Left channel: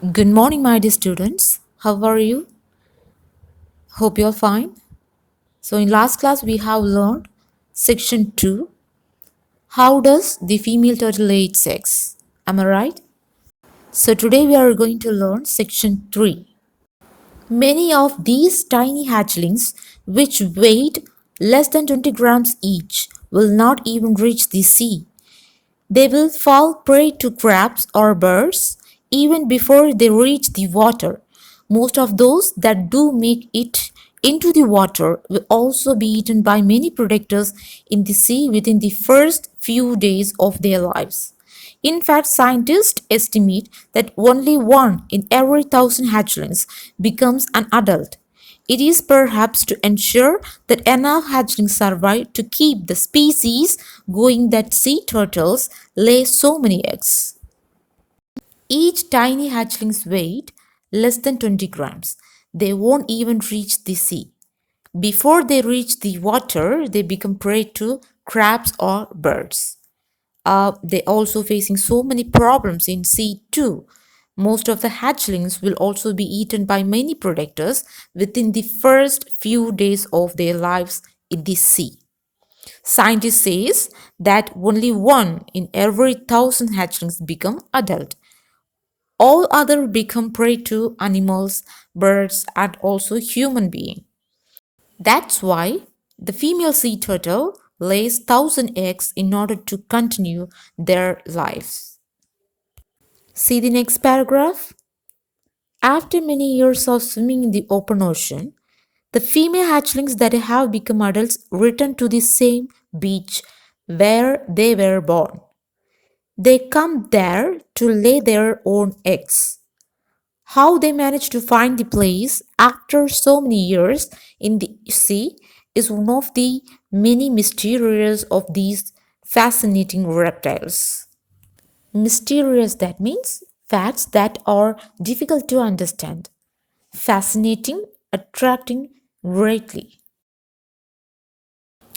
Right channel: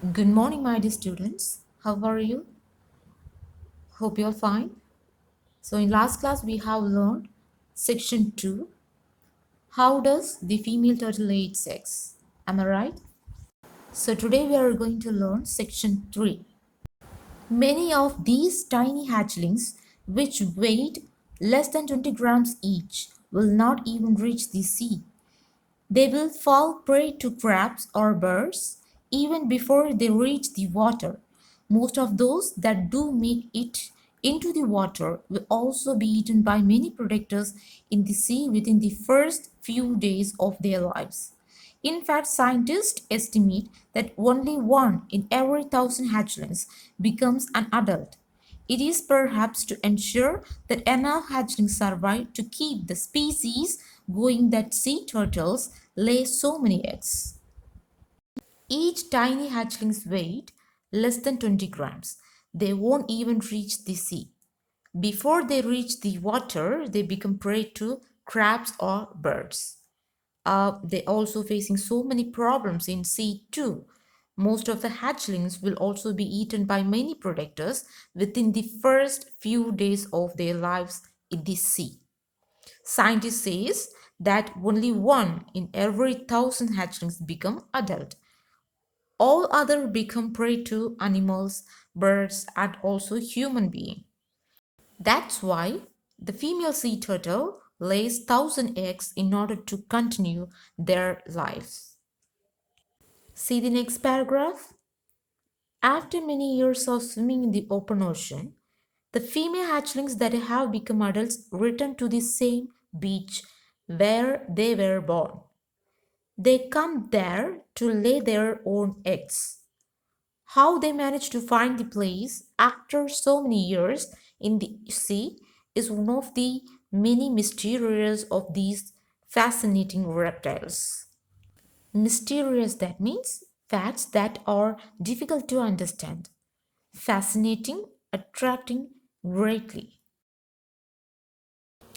Good morning, my dear students. How are you? Hope you're fine. So, in last class, we have learned section 2. How does the female turtle lay its eggs? Am I right? So, today we are going to learn section 3. Many of these tiny hatchlings, which weighed less than 20 grams each, will not even reach the sea. They will fall prey to crabs or birds even before they reach the water. Most of those that do make it into the water will also be eaten by many predators in the sea within the first few days of their lives. In fact, scientists estimate that only one in every thousand hatchlings becomes an adult. It is perhaps to ensure that enough hatchlings survive to keep the species going that sea turtles lay so many eggs. Each tiny hatchling's weight less than 20 grams. They won't even reach the sea. Before they reach the water, they become prey to crabs or birds. They also facing so many problems in sea too. Most of the hatchlings will also be eaten by many predators within the first few days of their lives in the sea. Scientists says that only one in every thousand hatchlings become adult. All other become prey to animals, birds, and also human being. That's why the female sea turtle lays 1,000 eggs in order to continue their lives. See the next paragraph. After many years of swimming in the open ocean, the female hatchlings that have become adults return to the same beach where they were born. They come there to lay their own eggs. How they manage to find the place after so many years in the sea is one of the many mysteries of these fascinating reptiles. Mysterious, that means facts that are difficult to understand. Fascinating, attracting greatly.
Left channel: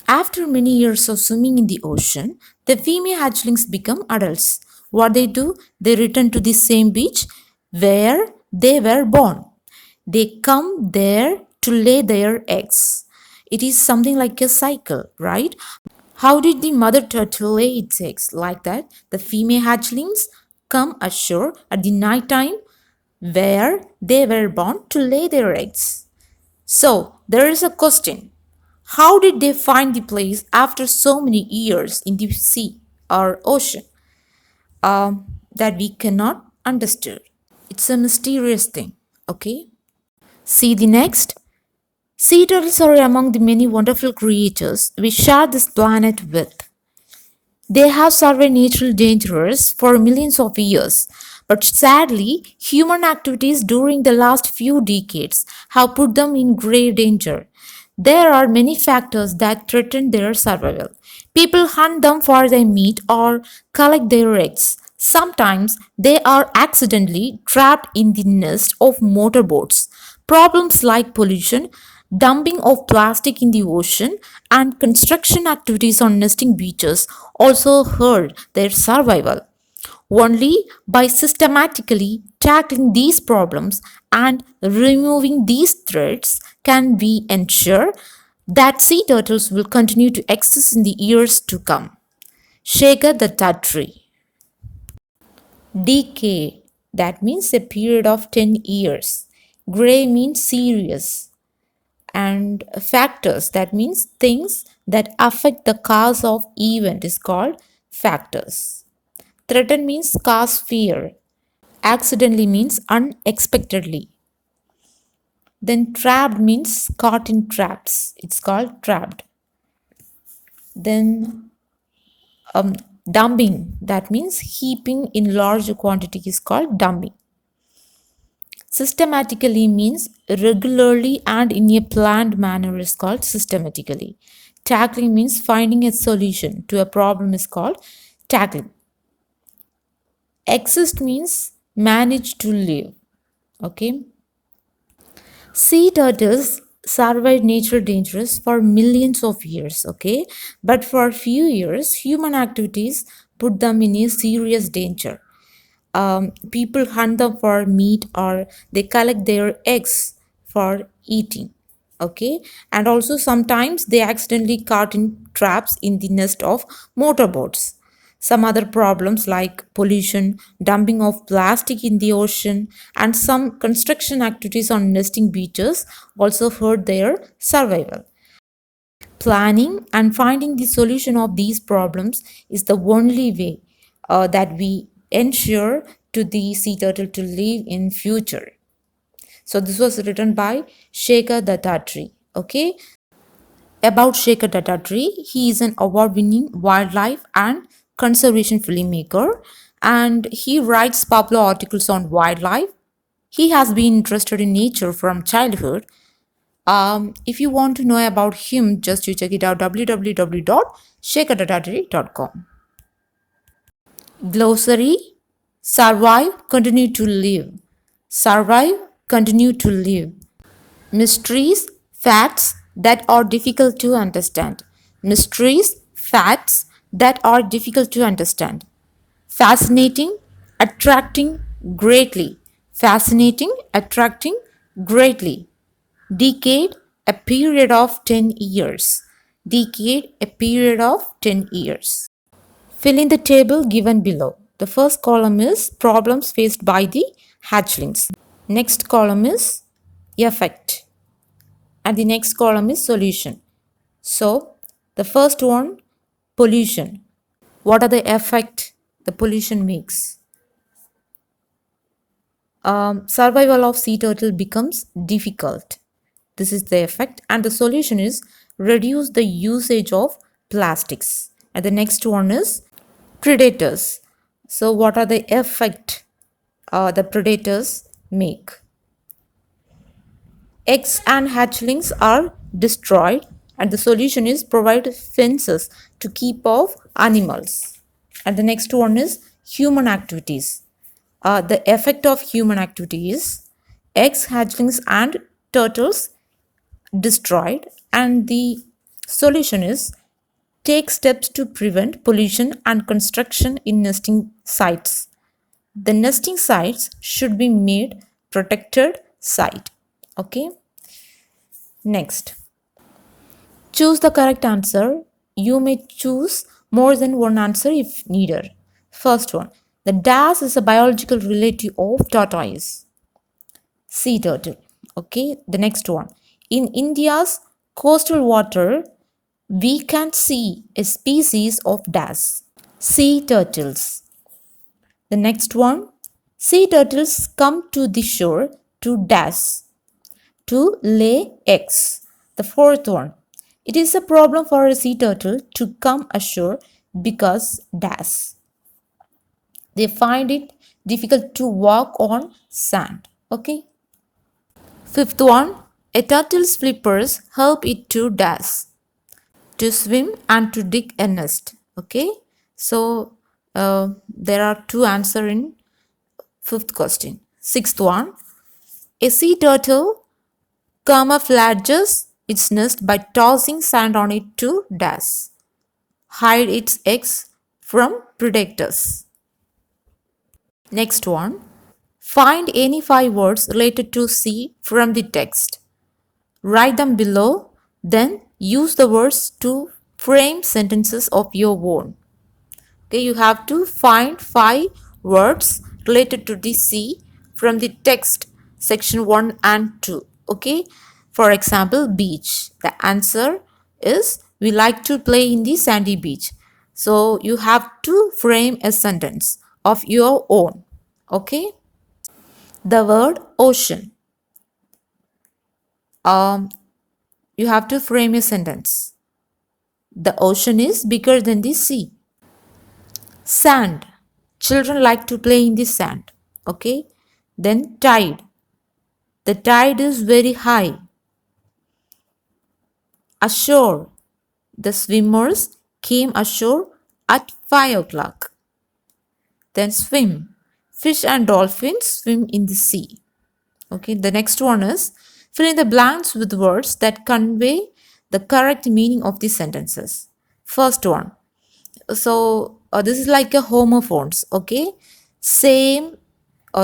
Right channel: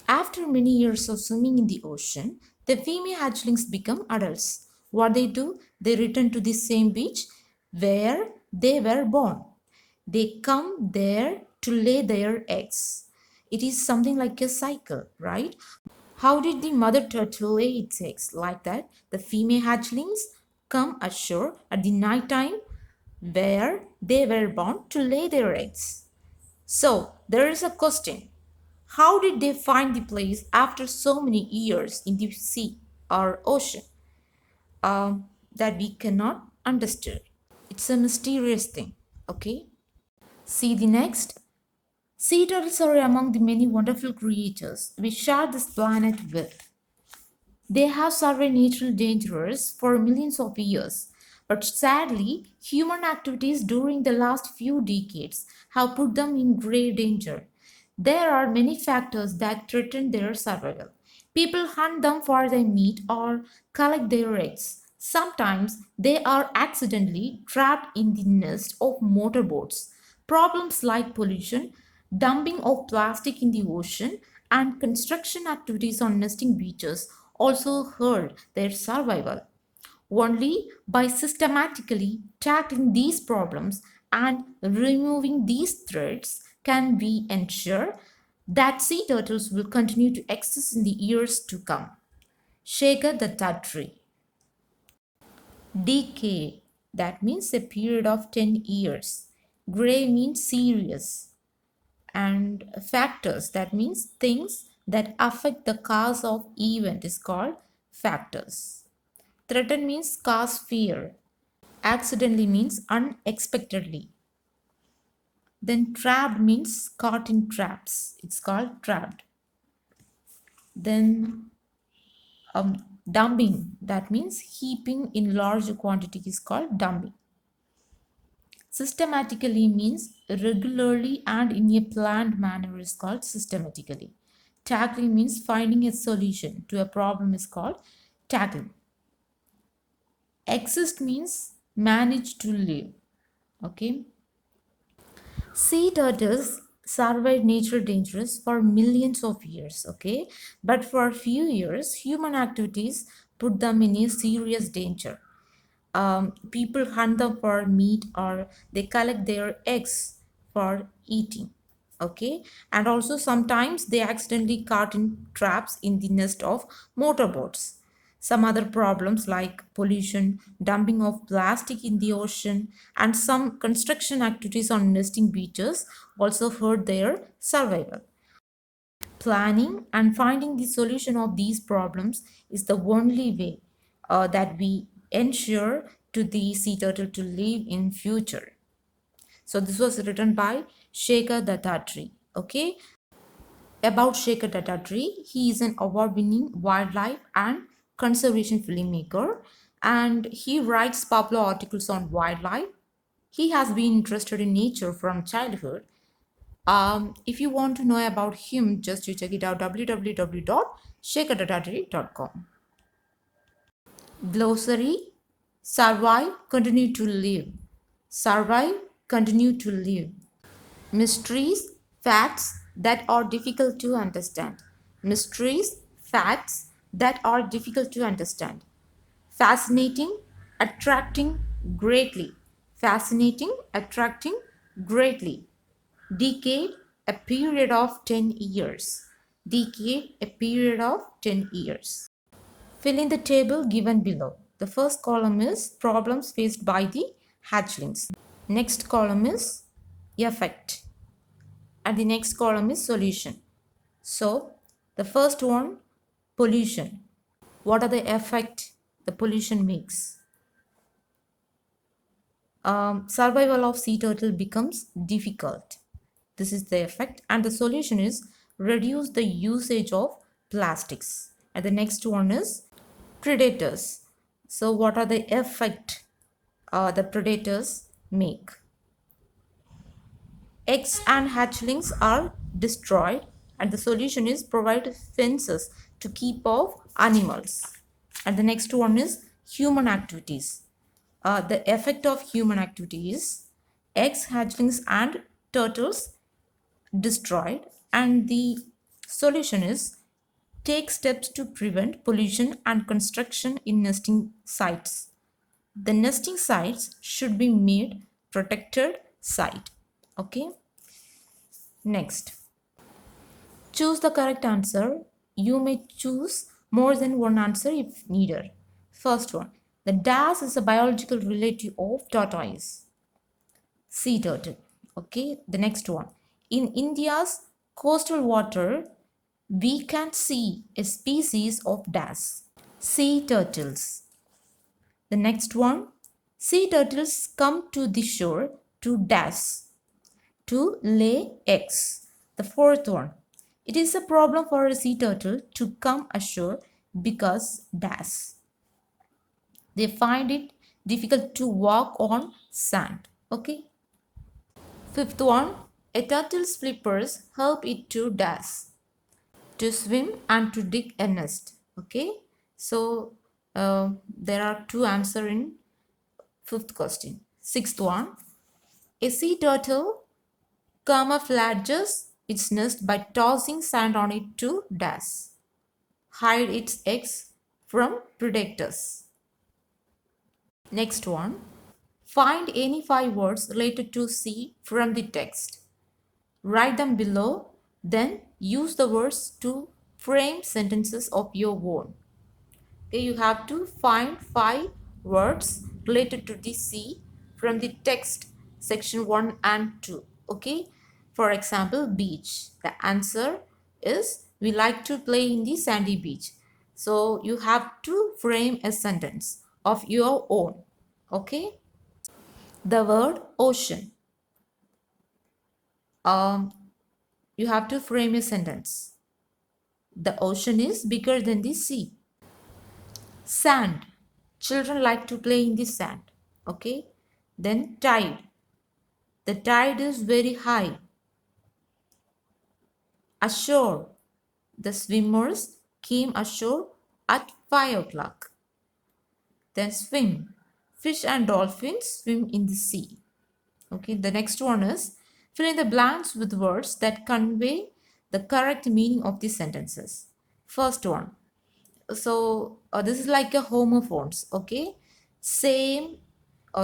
After many years of swimming in the ocean, the female hatchlings become adults. What they do? They return to the same beach where they were born. They come there to lay their eggs. It is something like a cycle, right? How did the mother turtle lay its eggs? Like that, the female hatchlings come ashore at the night time where they were born to lay their eggs. So, there is a question. How did they find the place after so many years in the sea or ocean that we cannot understand? It's a mysterious thing, okay? See the next. Sea turtles are among the many wonderful creatures we share this planet with. They have survived natural dangers for millions of years, but sadly, human activities during the last few decades have put them in grave danger. There are many factors that threaten their survival. People hunt them for their meat or collect their eggs. Sometimes they are accidentally trapped in the nest of motorboats. Problems like pollution, dumping of plastic in the ocean, and construction activities on nesting beaches also hurt their survival. Only by systematically tackling these problems and removing these threats can we ensure that sea turtles will continue to exist in the years to come. Shaker the Tatri. Decay, that means a period of 10 years. Gray means serious. And factors, that means things that affect the cause of event, is called factors. Threaten means cause fear. Accidentally means unexpectedly. Then trapped means caught in traps, it's called trapped. Then dumping, that means heaping in large quantity, is called dumping. Systematically means regularly and in a planned manner, is called systematically. Tackling means finding a solution to a problem, is called tackling. Exist means manage to live. Okay. Sea turtles survived natural dangers for millions of years, okay? But for a few years, human activities put them in a serious danger. People hunt them for meat or they collect their eggs for eating. Okay, and also sometimes they accidentally caught in traps in the nest of motorboats. Some other problems like pollution, dumping of plastic in the ocean, and some construction activities on nesting beaches also hurt their survival. Planning and finding the solution of these problems is the only way that we ensure to the sea turtle to live in future. So this was written by Shekhar Dattatri. Okay, about Shekhar Dattatri, he is an award-winning wildlife and conservation filmmaker, and he writes popular articles on wildlife. He has been interested in nature from childhood. If you want to know about him, just you check it out www.shekhardadadri.com. Glossary: survive, continue to live. Survive, continue to live. Mysteries, facts that are difficult to understand. Mysteries, facts that are difficult to understand. Fascinating, attracting greatly. Fascinating, attracting greatly. Decade, a period of 10 years. Decade, a period of 10 years. Fill in the table given below. The first column is problems faced by the hatchlings. Next column is effect. And the next column is solution. So, the first one, pollution. What are the effect the pollution makes? Survival of sea turtle becomes difficult. This is the effect, and the solution is reduce the usage of plastics. And the next one is predators. So, what are the effect the predators make? Eggs and hatchlings are destroyed, and the solution is provide fences to keep off animals. And the next one is human activities. The effect of human activity is eggs, hatchlings, and turtles destroyed, and the solution is take steps to prevent pollution and construction in nesting sites. The nesting sites should be made protected site. Okay. Next, choose the correct answer. You may choose more than one answer if needed. First one, the dash is a biological relative of tortoise, sea turtle. Okay, the next one, in India's coastal water, we can see a species of dash, sea turtles. The next one, sea turtles come to the shore to dash, to lay eggs. The fourth one, it is a problem for a sea turtle to come ashore because dash, they find it difficult to walk on sand. Okay. Fifth one, a turtle's flippers help it to dash, to swim, and to dig a nest. Okay. So there are two answers in fifth question. Sixth one, a sea turtle camouflages its nest by tossing sand on it to dash, hide its eggs from predators. Next one, find any 5 words related to sea from the text. Write them below, then use the words to frame sentences of your own. Okay, you have to find 5 words related to the sea from the text section 1 and 2. Okay, for example, beach. The answer is we like to play in the sandy beach. So you have to frame a sentence of your own. Okay, the word ocean. You have to frame a sentence. The ocean is bigger than the sea. Sand. Children like to play in the sand. Okay. Then tide. The tide is very high. Ashore. The swimmers came ashore at 5 o'clock. Then swim. Fish and dolphins swim in the sea. Okay. The next one is fill in the blanks with words that convey the correct meaning of the sentences. First one. So this is like a homophones. Okay. Same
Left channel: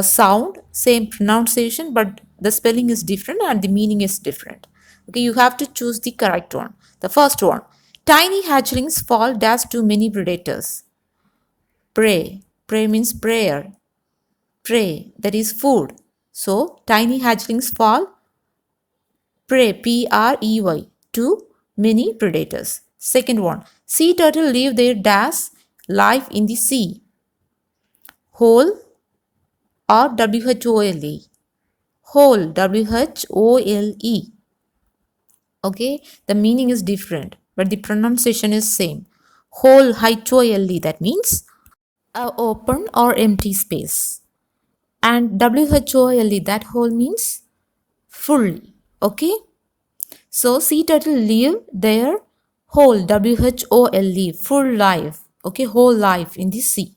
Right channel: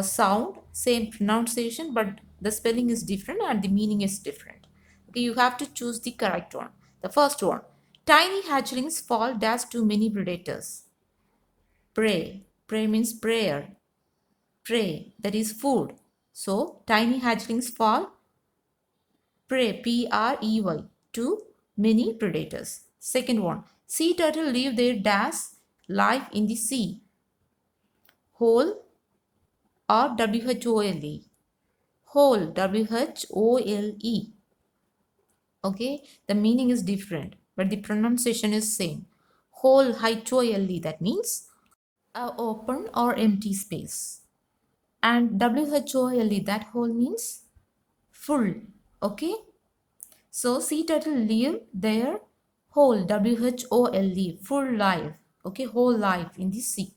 sound, same pronunciation, but the spelling is different and the meaning is different. Okay, you have to choose the correct one. The first one, tiny hatchlings fall dash too many predators. Prey. Prey means prayer. Prey, that is food. So, tiny hatchlings fall prey, Prey, to many predators. Second one, sea turtle live their dash life in the sea. Whole or Whole. Whole, Whole. Okay, the meaning is different, but the pronunciation is same. Whole, Hole, that means a open or empty space. And Whole, that whole means full. Okay, so sea turtle live their Whole, full life. Okay, whole life in the sea.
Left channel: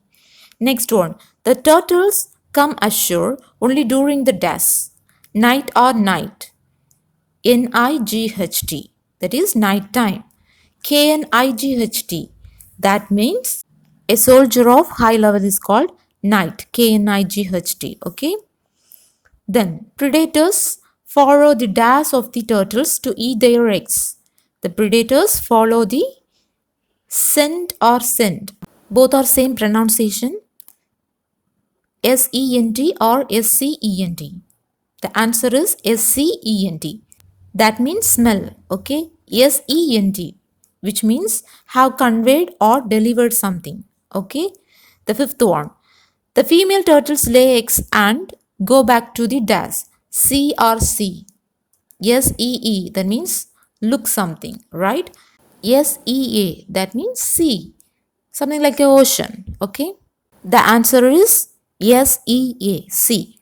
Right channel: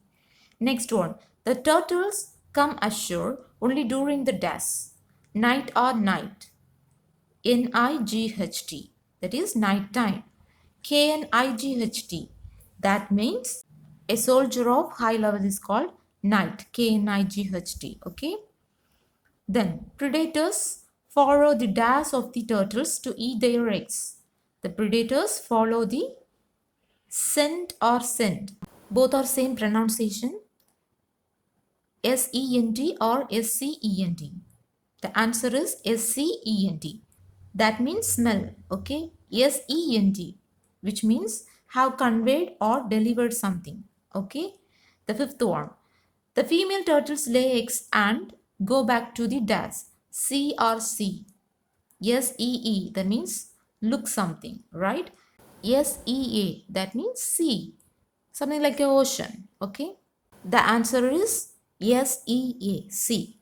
Next one, the turtles come ashore only during the dash, night or night. Night, that is night time. Knight, that means a soldier of high level is called knight. Knight, okay. Then predators follow the dash of the turtles to eat their eggs. The predators follow the scent or scent. Both are same pronunciation. Sent or Scent. The answer is Scent. That means smell. Okay. Sent, which means have conveyed or delivered something. Okay. The fifth one. The female turtles lay eggs and go back to the dash. See or see. See, that means look something, right? Sea, that means see. Something like the ocean. Okay. The answer is SEA, see.